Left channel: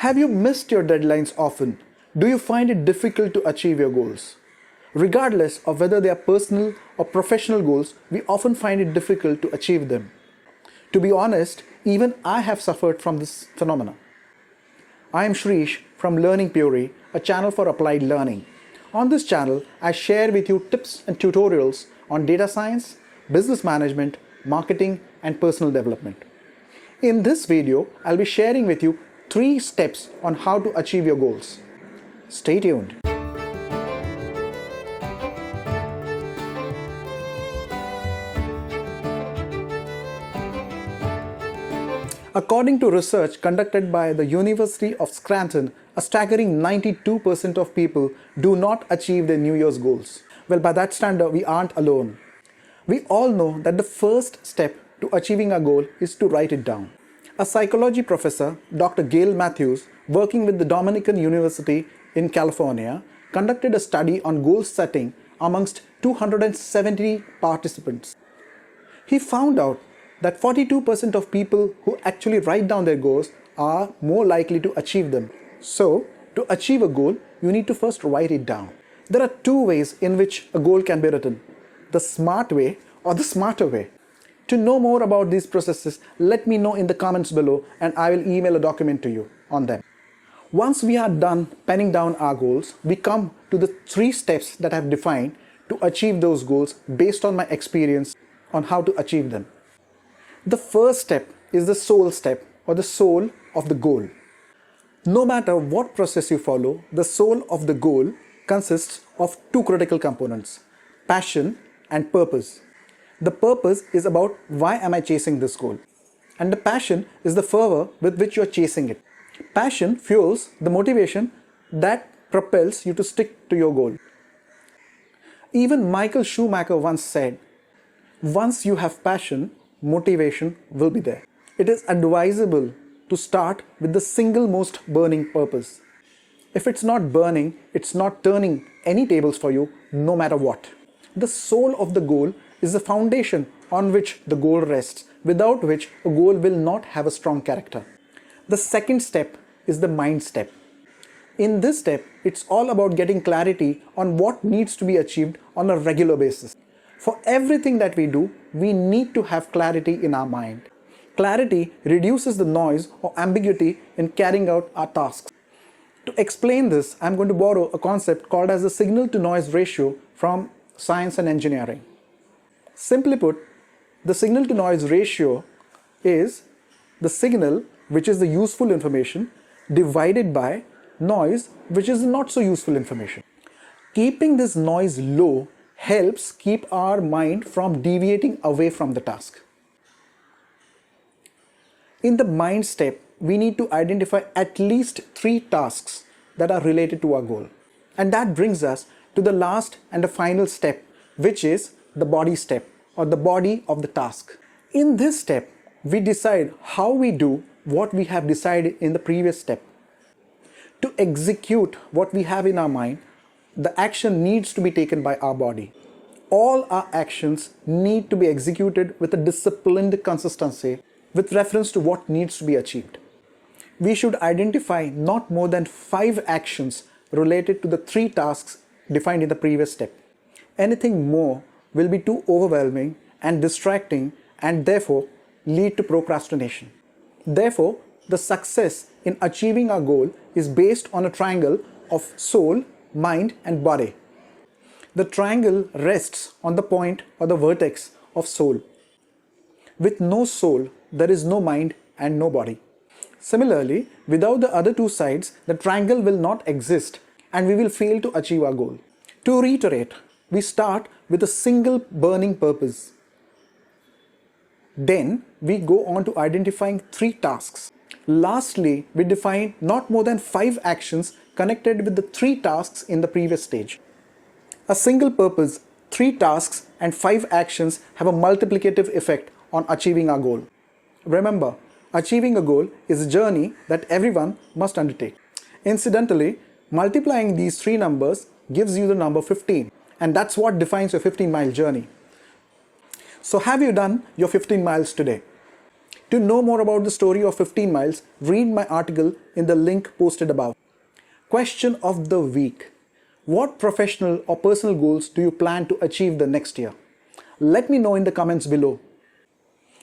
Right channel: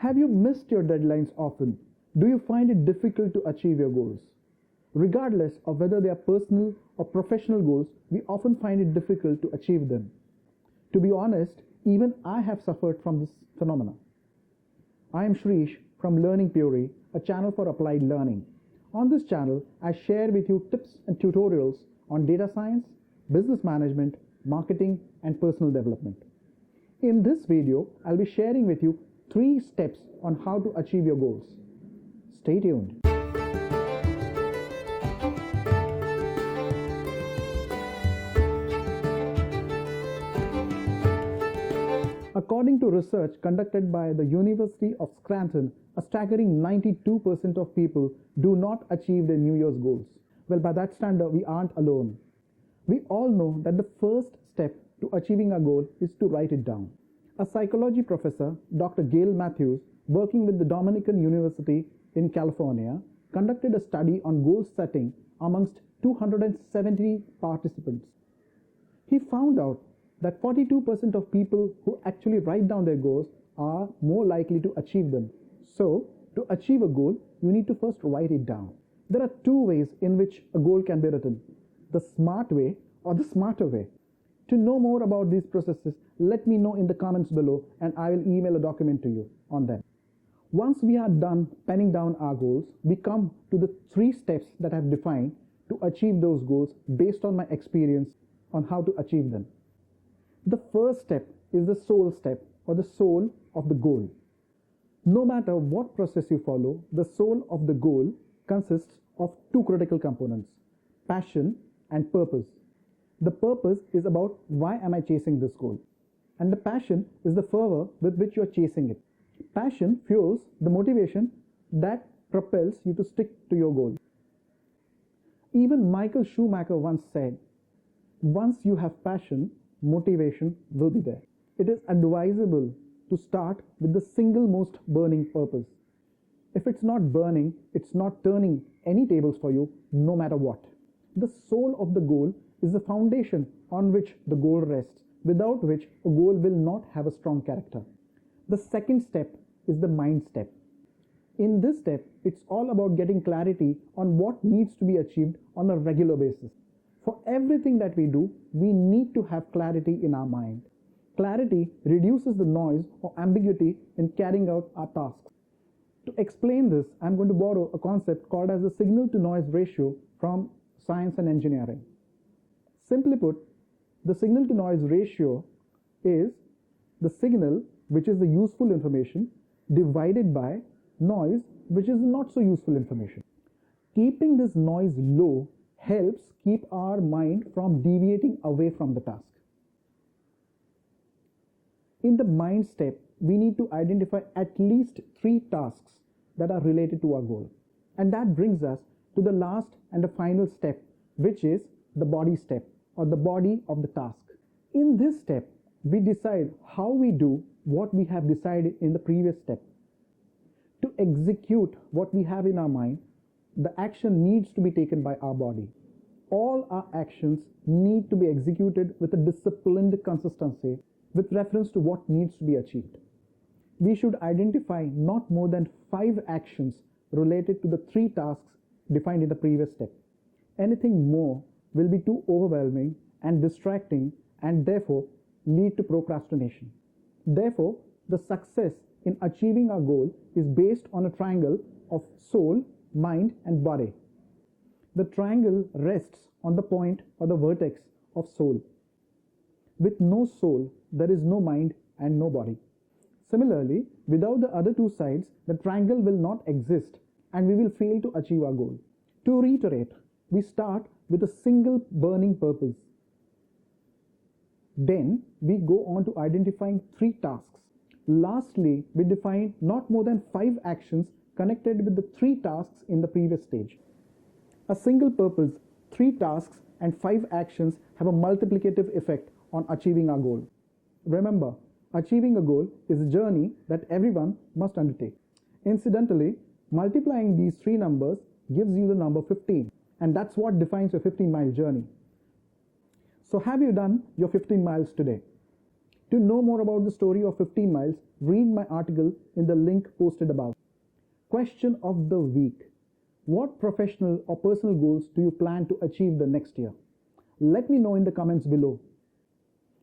Have you missed your deadlines often? Do you find it difficult to achieve your goals? Regardless of whether they are personal or professional goals, we often find it difficult to achieve them. To be honest, even I have suffered from this phenomenon. I am Shrish from Learning Puri, a channel for applied learning. On this channel, I share with you tips and tutorials on data science, business management, marketing, and personal development. In this video, I'll be sharing with you 3 steps on how to achieve your goals. Stay tuned. According to research conducted by the University of Scranton, a staggering 92% of people do not achieve their New Year's goals. Well, by that standard, we aren't alone. We all know that the first step to achieving a goal is to write it down. A psychology professor, Dr. Gail Matthews, working with the Dominican University in California, conducted a study on goal setting amongst 270 participants. He found out that 42% of people who actually write down their goals are more likely to achieve them. So, to achieve a goal, you need to first write it down. There are 2 ways in which a goal can be written: the smart way or the smarter way. To know more about these processes, let me know in the comments below and I will email a document to you on them. Once we are done penning down our goals, we come to the 3 steps that I have defined to achieve those goals based on my experience on how to achieve them. The first step is the soul step, or the soul of the goal. No matter what process you follow, the soul of the goal consists of 2 critical components: passion and purpose. The purpose is about why am I chasing this goal, and the passion is the fervor with which you are chasing it. Passion fuels the motivation that propels you to stick to your goal. Even Michael Schumacher once said, once you have passion, motivation will be there. It is advisable to start with the single most burning purpose. If it's not burning, it's not turning any tables for you, no matter what. The soul of the goal is the foundation on which the goal rests, without which a goal will not have a strong character. The second step is the mind step. In this step, it's all about getting clarity on what needs to be achieved on a regular basis. For everything that we do, we need to have clarity in our mind. Clarity reduces the noise or ambiguity in carrying out our tasks. To explain this, I'm going to borrow a concept called as the signal to noise ratio from science and engineering. Simply put, the signal to noise ratio is the signal, which is the useful information, divided by noise, which is not so useful information. Keeping this noise low helps keep our mind from deviating away from the task. In the mind step, we need to identify at least 3 tasks that are related to our goal. And that brings us to the last and the final step, which is the body step, or the body of the task. In this step, we decide how we do what we have decided in the previous step. To execute what we have in our mind, the action needs to be taken by our body. All our actions need to be executed with a disciplined consistency with reference to what needs to be achieved. We should identify not more than 5 actions related to the 3 tasks defined in the previous step. Anything more will be too overwhelming and distracting and therefore lead to procrastination. Therefore, the success in achieving our goal is based on a triangle of soul, mind, and body. The triangle rests on the point or the vertex of soul. With no soul, there is no mind and no body. Similarly, without the other 2 sides, the triangle will not exist and we will fail to achieve our goal. To reiterate, we start with a single burning purpose. Then we go on to identifying 3 tasks. Lastly, we define not more than 5 actions connected with the 3 tasks in the previous stage. A single purpose, 3 tasks, and 5 actions have a multiplicative effect on achieving our goal. Remember, achieving a goal is a journey that everyone must undertake. Incidentally, multiplying these 3 numbers gives you the number 15, and that's what defines your 15-mile journey. So have you done your 15 miles today? To know more about the story of 15 miles, read my article in the link posted above. Question of the week. What professional or personal goals do you plan to achieve the next year? Let me know in the comments below.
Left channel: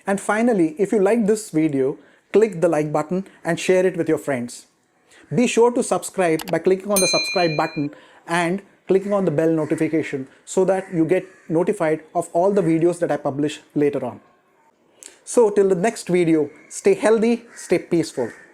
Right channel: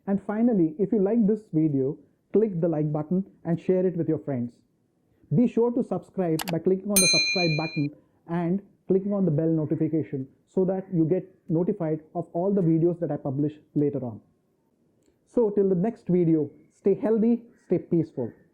And finally, if you like this video, click the like button and share it with your friends. Be sure to subscribe by clicking on the subscribe button and clicking on the bell notification so that you get notified of all the videos that I publish later on. So till the next video, stay healthy, stay peaceful.